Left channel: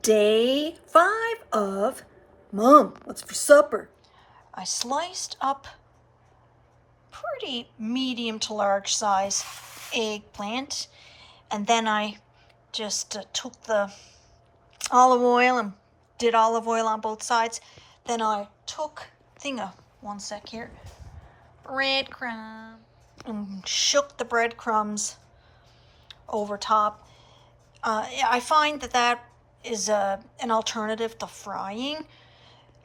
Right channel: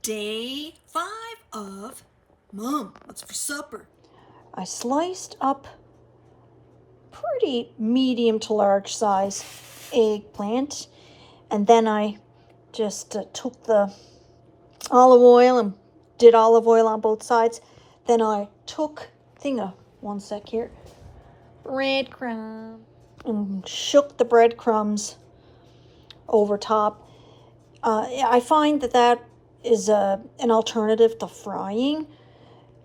Day 5 of Mom, what's for supper? I sliced up pretty medium to large size eggplant, and then I just took the olive oil and did olive oil on both sides. Then I took one sec here, breadcrumb, and shook the breadcrumbs over top. I find that is an alternative to frying.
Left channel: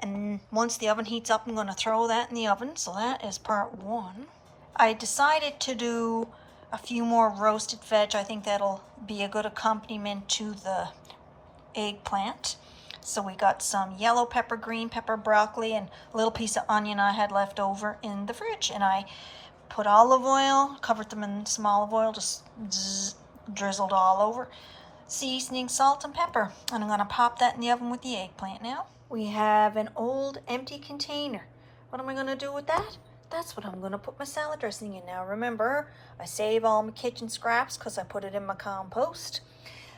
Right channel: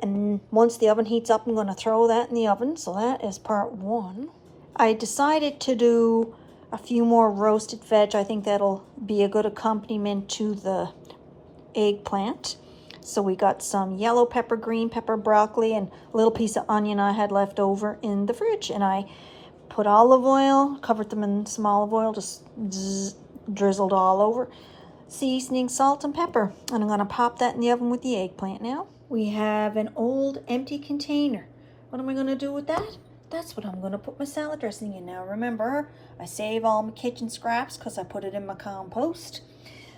And once the oven heats up, I'm going to throw that in the oven. So that is part 1. I decided to do a few more roasted veg. I think that'll be a good accompaniment to the eggplant. So we got some yellow pepper, green pepper, broccoli, and a little piece of onion I had left over in the fridge. And I put olive oil, covered them in some olive oil, just drizzled all over. Seasoning, salt, and pepper. And I'm going to pop that in the oven with the eggplant now. We have an old empty container. What am I going to do with that? That's what I'm going to put my salad dressing in now. Remember, I save all my kitchen scraps because I put it in my compost.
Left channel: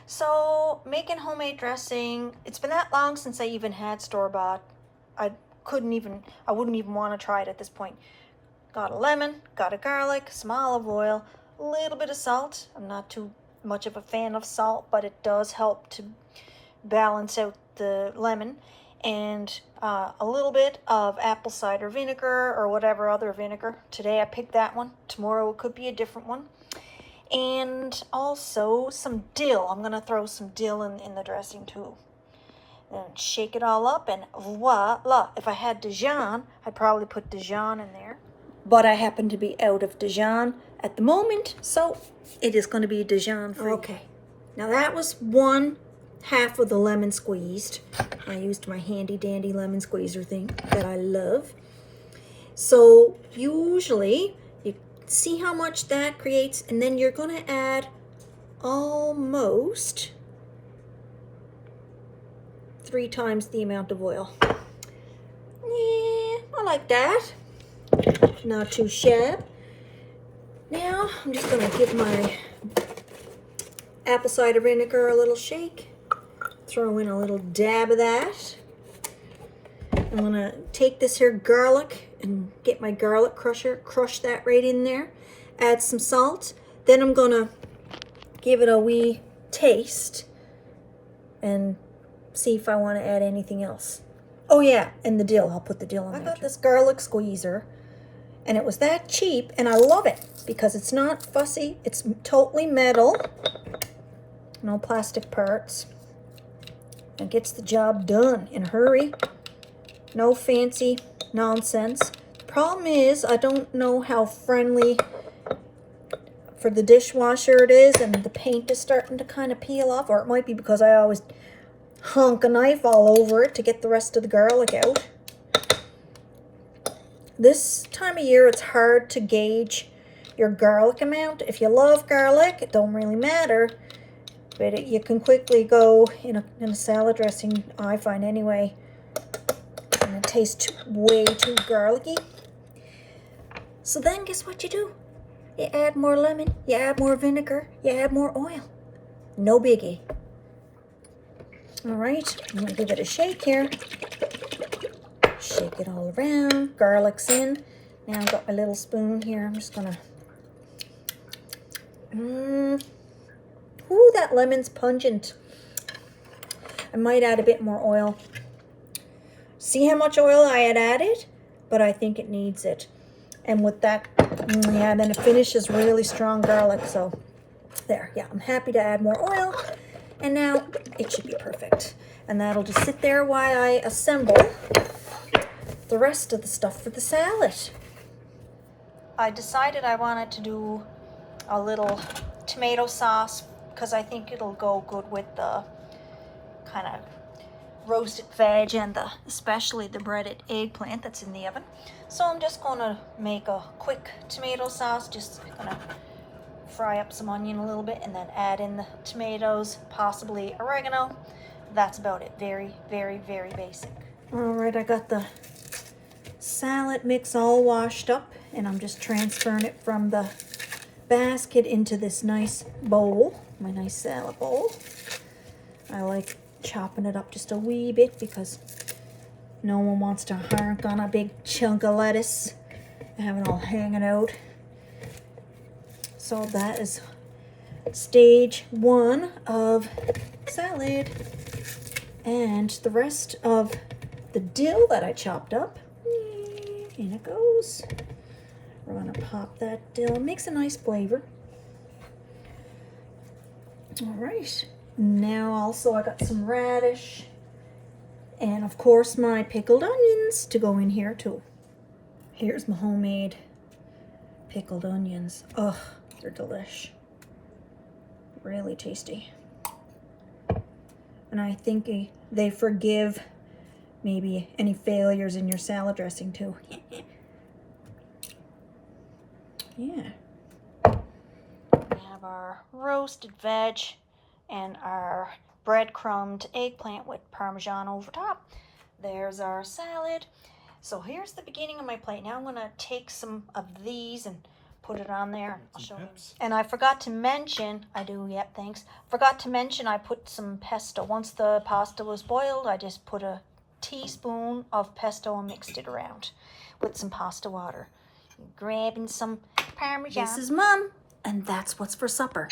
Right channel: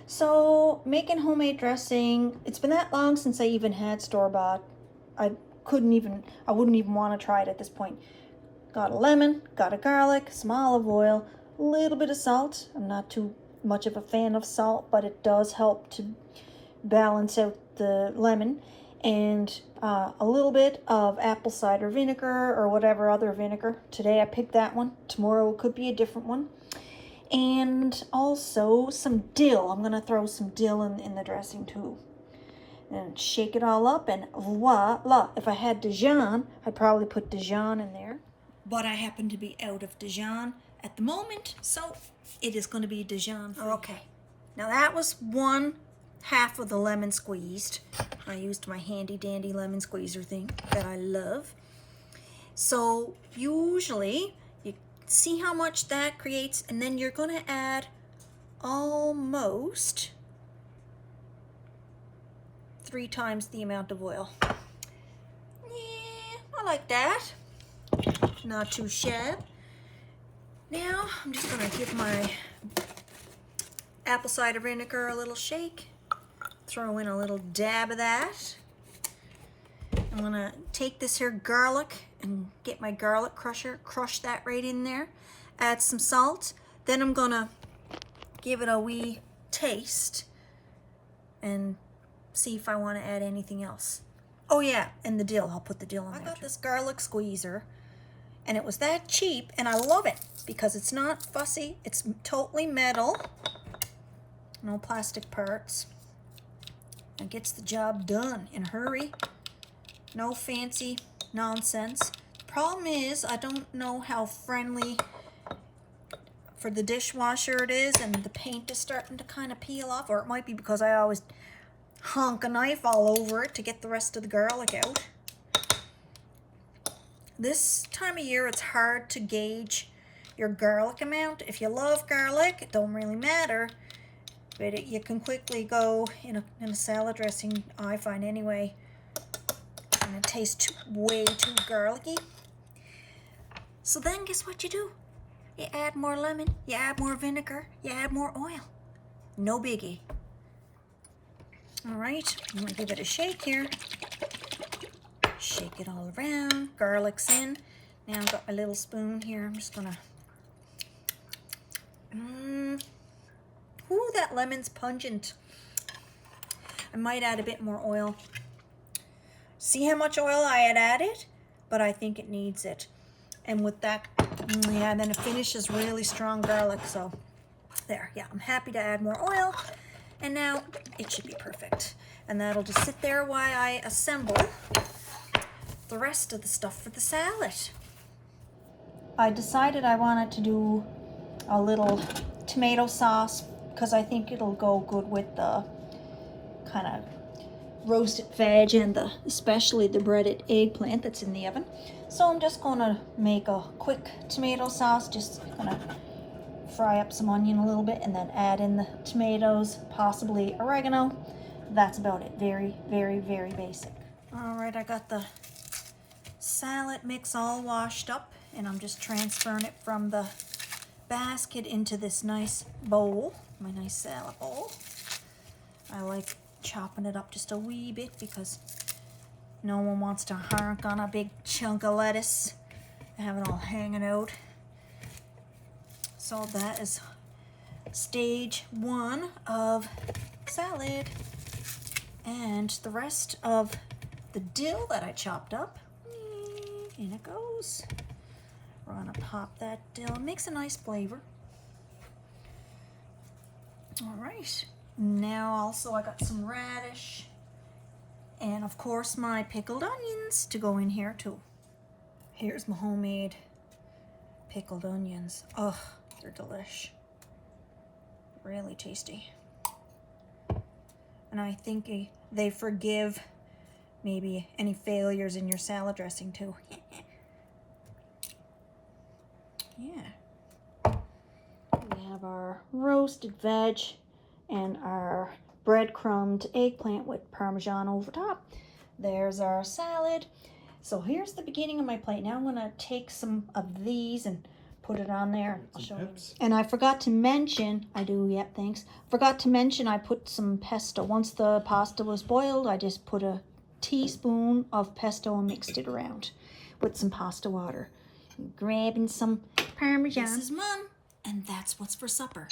So making homemade dressing, it's been that long since I even had store-bought. I wouldn't even want to try it at this point. Got a lemon, got a garlic, some olive oil, a little bit of salt. I'm not too much of a fan of salt, but it does help to balance out the lemon, and a little bit of apple cider vinegar or whatever other vinegar. Today I picked that one. Tomorrow it could be a different one. And also some dill. I'm going to throw some dill in the dressing too. And shake it all up, and voila. If I had Dijon, I'd probably put Dijon in there. But I happen to be out of Dijon at the moment, so it is going to be Dijon free. Okay, now that was 1/2 of the lemon squeezed. I used my handy dandy lemon squeezer thing that I love. So usually you see how much that creates, and then you're going to add almost 3 times the amount of oil. Yeah, I like that. Not too shabby. Now I'm just going to give my apple cider vinegar a little shake. Throw in a little dab of that. I'm going to take this here garlic and get my garlic crusher, crush that right in there. Add some salt. Then I'm going to give it a wee taste and see if I want to add anything else. Oh yeah, and the dill. I'll put the dill in there. I got this garlic squeezer, and it was that cheap, and I love it because it's not fussy. It's totally metal. No plastic parts. It gets the job done in a hurry. No fancy nonsense. The problem is I don't know how friendly for the dishwasher it is, and the paint is starting to kind of peel off, or it might be because I always hunk a knife all over it to get the rest of the garlic out. This time of year it's hard to gauge your garlic amount. If you love garlic, it don't really matter. But you can quickly go in a salad dressing, I find anyway, and it tastes way too garlicky. So then guess what you do? You add more lemon, you add more vinegar, you add more oil. No biggie. All right, I'm gonna give it a shake here. Shake it all around. Garlic's in. Now I've got my little spoon here. I'm just gonna ooh, that lemon's pungent. I might add a bit more oil. See how much oil I had added? But I think it needs it. And with that, yeah, then it finishes really strong garlic. So there, yeah, I'm happy to add more oil. And now it should be perfect. And that'll just sit there while I assemble the rest of the stuff for the salad. I decided I wanted to do a little tomato sauce because I think it'll go good with the kind of roasted veg and especially the breaded eggplant that's in the oven. So I'm just going to make a quick tomato sauce. Just gonna fry up some onion a little bit and then add in the tomatoes, possibly oregano. That's about it. Very, very, very basic. All right, I got the salad mix all washed up, and I'm just transferring it from the basket into this nice bowl, my nice salad bowl. I like chopping it up just a wee bit because no one wants to hark on a big chunk of lettuce and have it all hanging out. So that is stage 1 of salad. And the rest of the dill that I chopped up, in it goes. We're gonna pop that dill. It makes a nice flavor. All right, now also I got some radish and of course my pickled onions to go in here too. Here's my homemade pickled onions. Oh, they're delish. Really tasty. And I think they forgive maybe any failures in your salad dressing too. Yeah. We have our roasted veg and our breadcrumbed eggplant with Parmesan over top. There's our salad. So here's the beginning of my plate. Now I'm gonna take some of these and put it on there. I'll show you. And I forgot to mention, thanks. Forgot to mention I put some pesto. Once the pasta was boiled, I just put a teaspoon of pesto and mixed it around with some pasta water. Grabbing some Parmesan. This is Mom, and that's what's for supper.